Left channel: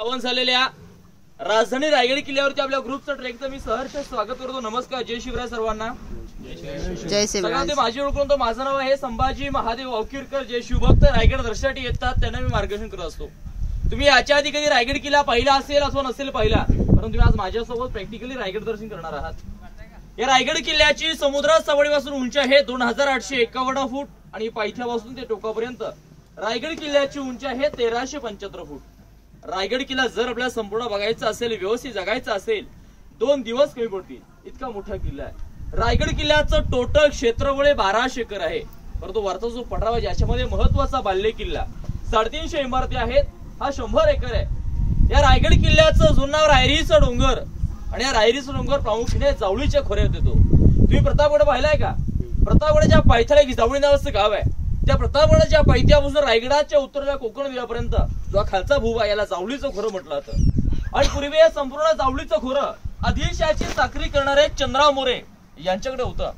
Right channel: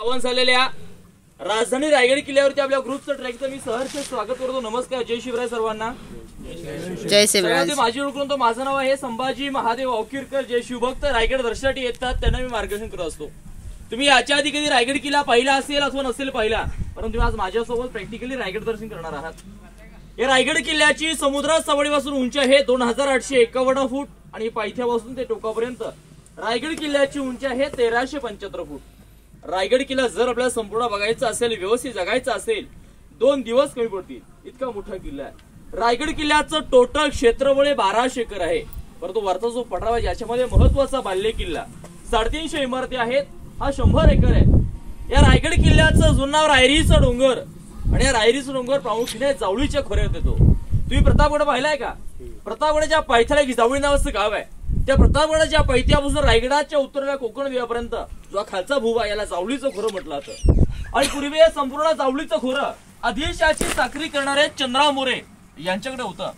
आव्हान झालेल्या राजधानी रायगड किल्ल्यावरती आपल्या ग्रुपचं ट्रेकचं मी सहर्ष स्वागत करतो। नमस्कार, जय शिवराय सर्वांना। जय शिवराय। माझी ओळख तो माझं नाव आहे संभाजी महादेव औकीरकर। जे शिवभक्त रायगड दर्शनासाठी येतात त्यांना मी मार्गदर्शन करत असतो। तुम्ही याच्या आधी कधी रायगड किल्ला पाहिला असेल अथवा नसेल पाहिला, परंतु तुम्ही आज माझ्यासोबत प्रॅक्टिकली रायगड दर्शन करणार आहात। या रायगड किल्ल्याची समुद्र सवडीपासून उंची आहे 2851 फूट आणि पायथ्यापासून ते टोकापर्यंत रायगड किल्ल्याची उंची आहे 1375 फूट। रायगड किल्ला जर आपल्याला संपूर्ण बघायचा असेल, व्यवस्थित जगायचा असेल, 2 दिवस कमी पडतील, इतका मोठा किल्ला आहे। रायगड किल्ल्याचं टोटल क्षेत्रफळ 1200 एकर आहे, परंतु वरचा जो पठार आहे याच्यामध्ये महत्वाचा बाल्य किल्ला 350 इमारती आहेत, हा 100 एकर आहे। या रायगड किल्ल्याचं जुनं नाव रायरीचा डोंगर आणि या रायरीचा डोंगर प्रामुख्याने जावळीच्या खोऱ्यात येतो। तुम्ही प्रतापगड पाहिलाय का? प्रतापगडाच्या पायथ्याला एक जावळी नावाचं गाव आहे। त्या प्रतापगडाच्या पायथ्यापासून रायगडाच्या उत्तरेला कोकण विभागापर्यंत जो खालचा भूभाग याला जावळीचं खोरं म्हटलं जातं। आणि पूर्वी या संपूर्ण जावळीचं खोरं आदिलशाची साखरी करणारे चंद्रराव मोरे यांच्याकडे होतं।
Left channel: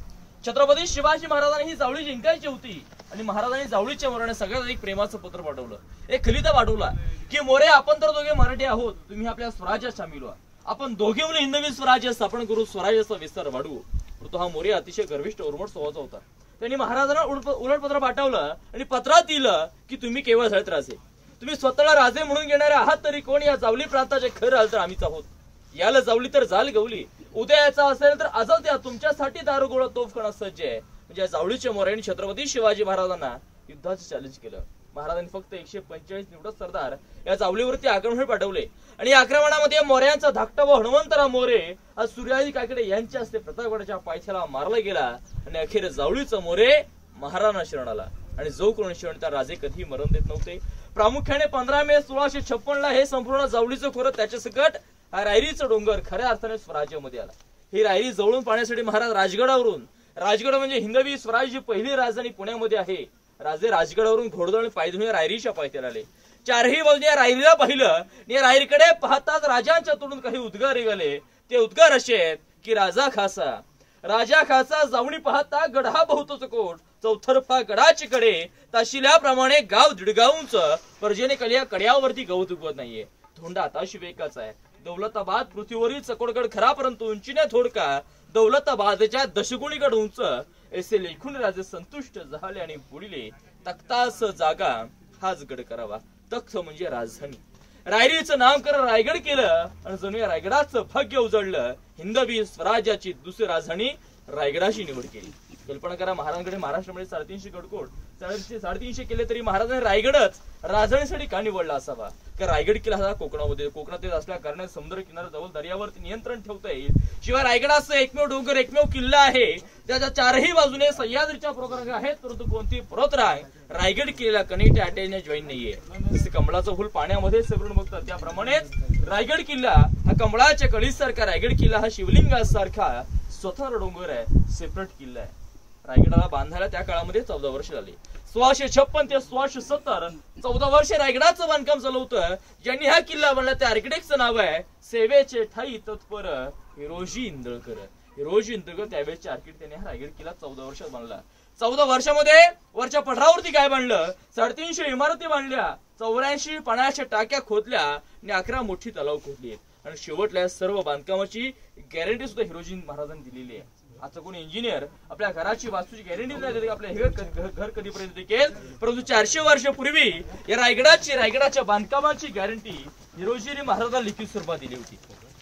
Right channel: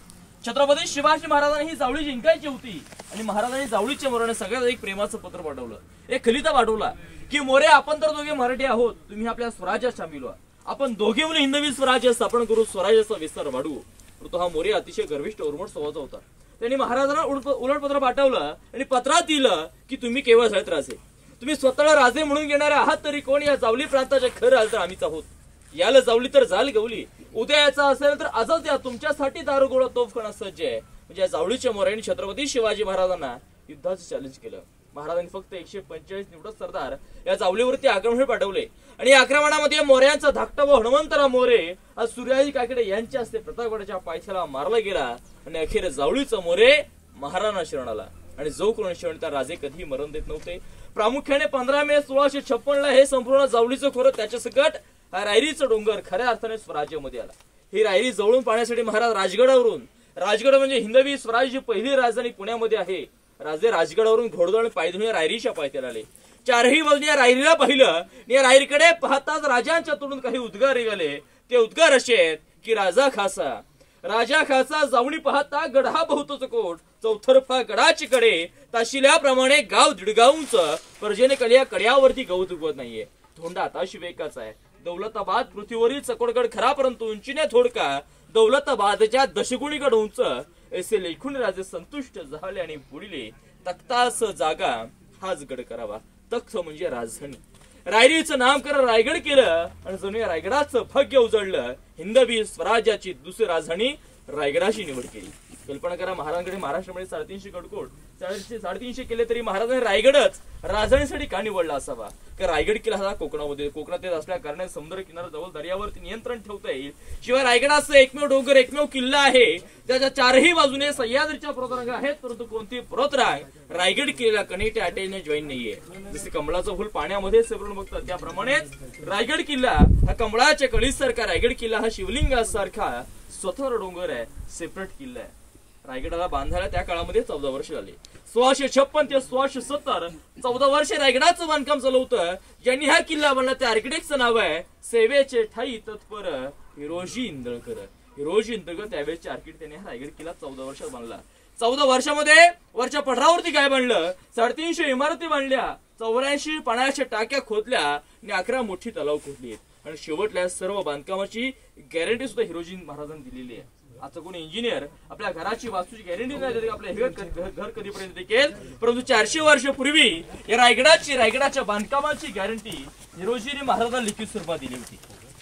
छत्रपती शिवाजी महाराजांनी ही जावळी जिंकायची होती आणि महाराजांनी जावळीच्या मोराने सगळ्यात एक प्रेमाचं पत्र पाठवलं, एक खलिता पाठवला की मोरे, आपण तर दोघे मराठी आहोत, तुम्ही आपल्या स्वराज्यात सामील व्हा, आपण दोघे म्हणून हिंदवी स्वराज्य स्थापन करू, स्वराज्याचा विस्तार वाढवू। तो हा मोरे अतिशय गर्विष्ठ उर्मट स्वभावाचा होता। त्यांनी महाराजांना उलट पत्र पाठवलं आणि पत्रात दिलं की तुम्ही केवळ झळत राजे, तुम्ही स्वतःला राजे म्हणून घेणारे आहात तरी कोण, या जावली प्रांताचे खरं आल तर आम्हीच आहोत। याला जावली तर जाल गवली, उद्या याचा असेल तर आजच या, तुमच्यासाठी दारुगोळा तोफखाना सज्ज आहे। म्हणजे जावळीच्या मोऱ्यांनी छत्रपती शिवाजी महाराजांना युद्धाचं चॅलेंज केलं। महाराजांनी फक्त 145 निवडक सरदार या जावलीवरती आक्रमण पाठवले आणि आक्रमणामध्ये मोऱ्यांचा धाकटा भाऊ हनुमंतराव मोरे आज सूर्याजी काकडे यांच्या हस्ते प्रतापगडाच्या पायथ्याला मारला गेला आणि अखेर जावळीचा मोरे महाराणा शरण आला। आणि जो कोण शरण त्या राजे कधी मरण देत नव्हते। प्रामुख्याने 15 मे 1656 हे संपूर्ण जावळीचं खोरं त्याच्या सकट हा रायरीचं डोंगर खऱ्या अर्थाने स्वराज्यामध्ये आला। ही रायरी जवळून पाहण्यासाठी महाराज राजगड म्हणजे हिंदवी स्वराज्याची पहिली राजधानी पुण्यामध्ये आहे। राजे राजगडावरून घोडदळ पायधुणे रायरीच्या पायथ्याला आले। चारही बाजूने या रायरीला पाहिलं, या रायरीकडे पाहताच राजांच्या तोंडून काही उद्गार निघाले। ते उद्गार असे आहेत की राजा खासा जावणी पाहता गढा बहुतोच कोट, चौथरफा गडाची कडे ताशिल्याप्रमाणे गाव दीडगाव उंच, पर्जेने कलिया कड्यावरती गवत उगवत नाहीये। धोंडा आताशी वेकाचा आहे, दौलताबाद पृथ्वीवरील चकोडगड खरा परंतु उंचीने थोडका, दौलताबादच्या दशगुणीगड उंच, ऐसे लेखून राजे संतुष्ट झाले आणि बुडिले, तख्तास जागा हाच गड करावा। तख्त म्हणजे राजधानी, रायरीचं नामकरण रायगड केलं आणि जणू या रायगडाचं भाग्य उजळलं। हिंदवी स्वराज्याची दुसरी राजधानी रायगडाची निवड केली। कल्पना करा, महाराजांकडे महाराष्ट्रामध्ये 350 गडकोट 350 केले तरी महाराजांनी रायगडच राजधानीसाठी का निवडला असावा? कारण रायगड किल्ला हा कोकणात येत असल्या कारणाने समुद्र किनाऱ्याजवळ दर्यावरती नियंत्रण ठेवता येईल। शिवाय रायगडाचं एकमेव डोंगर, एकमेव किल्ला आहे त्याच्या चारही बाजूने सह्याद्रीच्या पर्वतरांगा आहेत, परंतु कोणती पर्वतरांग रायगड किल्ल्याला कनेक्ट अटॅचने जॉईन नाहीये। जसे कमळाचं फुल पाण्यामध्ये सेपरेट बघतात त्याप्रमाणेच रायगड किल्ला हा कमळाच्या कळीसारखा, रायगड किल्ला हा शिवलिंगासारखा स्वतंत्र डोंगर आहे, सेपरेट किल्ला आहे। रायगडाला बांधायला त्या काळामध्ये 14 वर्ष झाले। 1656 ते 1670 14 वर्षे रायगडाचं बांधकाम चालू होतं। ज्यांनी हा किल्ला बांधला त्या आर्किटेक्टचं नाव आहे सेवेचे ठाई तत्पर हिरोजी इंदळकर। हिरोजी इंदळकर त्यावेळेचे आर्किटेक्ट, त्यांनी हा रायगड किल्ला 14 वर्षात बांधला। 14 वर्षामध्ये वरच्या पठारावरती काय बांधलं? 350 इमारती बांधल्या, 84 पाण्याच्या टाक्या खोदल्या आणि 11 मोठी तलाव खोदली आणि शेवटल्या सर्व बांधकामाची गॅरंटी सुद्धा हिरोजी महाराजांनी दिलेली आहे। आता कोणी इंजिनियर आपल्या घराची वास्तूची गॅरंटी नाही देत आपल्या घर कधीपर्यंत टिकेल, परंतु 400 वर्षापूर्वी या रायगडाच्या बांधकामाची गॅरंटी हिरोजी महाराजांना लिखित स्वरूपात दिली होती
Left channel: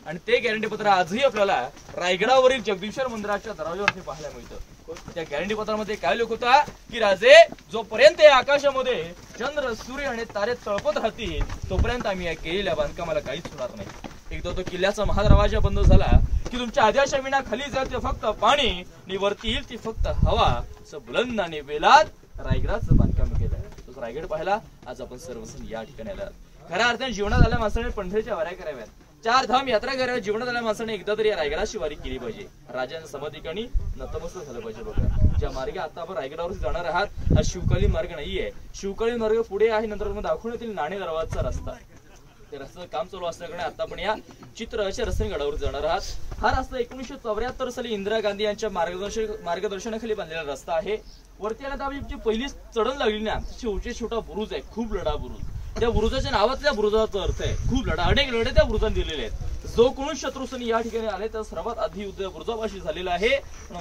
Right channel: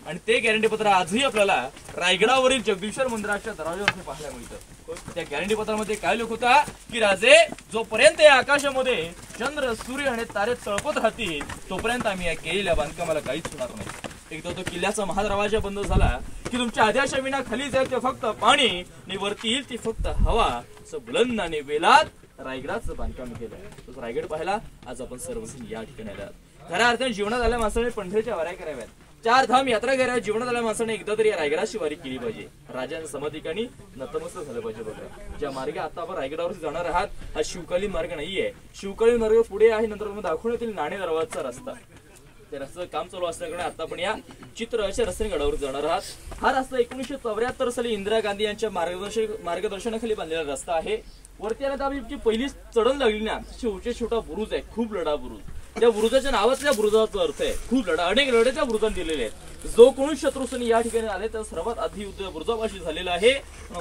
आणि ते गॅरंटी पत्र आजही आपल्याला रायगडावरील जगदीश्वर मंदिराच्या दरवाजावरती पाहायला मिळतं। त्या गॅरंटी पत्रामध्ये काय लिहिलं होता की राजे, जोपर्यंत या आकाशामध्ये चंद्र, सूर्य आणि तारे तळपत राहतील तोपर्यंत आम्ही या केलेल्या बांधकामाला काहीच होणार नाही। एकदा तो किल्ल्याचा महादरवाजा बंद झाला की तुमच्या आदेशा विना खाली जाईल ते फक्त पाणी आणि वरती येईल ती फक्त हवा, असं बुलंद आणि वेलात रायगडाचं बांधकाम केलं। तो रायगड पाहिला आज आपण सर्वजण या ठिकाणी आलात। खऱ्या अर्थाने जीवनात आल्या माणसाने पंढरीच्या वाऱ्या कराव्यात, 4 धाम यात्रा कराव्या। जीवनात आल्या माणसाने एकदा तरी या रायगडाची वारी केली पाहिजे, राजांच्या समाधिकानी नतमस्तक झालं पाहिजे। बघा, ज्या मार्गे आता आपण रायगडावरती जाणार आहात हा शिवकालीन मार्ग नाहीये, शिवकालीन मार्ग पुढे आहे, नंतर दाखवण्यात येईल नाणे दरवाजाचा रस्ता। त्या रस्त्याचं काम चालू असल्याकडे आता आपण या चित्र अशा रस्त्याने गडावर जाणार आहात। हा रस्ता 1974 साली इंदिरा गांधी यांच्या मार्गदर्शनाखाली बांधलेला रस्ता आहे। वरती आला तर आपली पहिली चढण लागली ना, छोटा बुरुज आहे, खूप लढा बुरुज। त्या बुरुजाच्या नावातल्या बुरुजाचा अर्थ आहे खूप लढा, अनेक लढे त्या बुरुजाने दिलेले आहेत. जो कोणी शत्रुसैनिक या ठिकाणी आले त्या सर्वात आधी युद्ध बुरुजापाशी झालेलं आहे.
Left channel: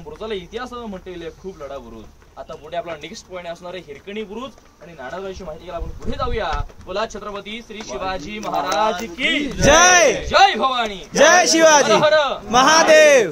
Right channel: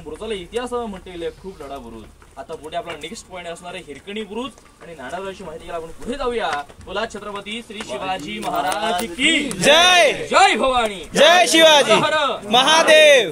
बुरुजाला इतिहास म्हणता येईल खूप लढा बुरुज. आता पुढे आपला नेक्स्ट पॉईंट असणार आहे हिरकणी बुरुज आणि नाणावरची माहिती घ्यायला आपण पुढे जाऊया. बोला छत्रपती श्री शिवाजी महाराज की जय. जय भवानी, जय शिवाजी हर हर महादेव.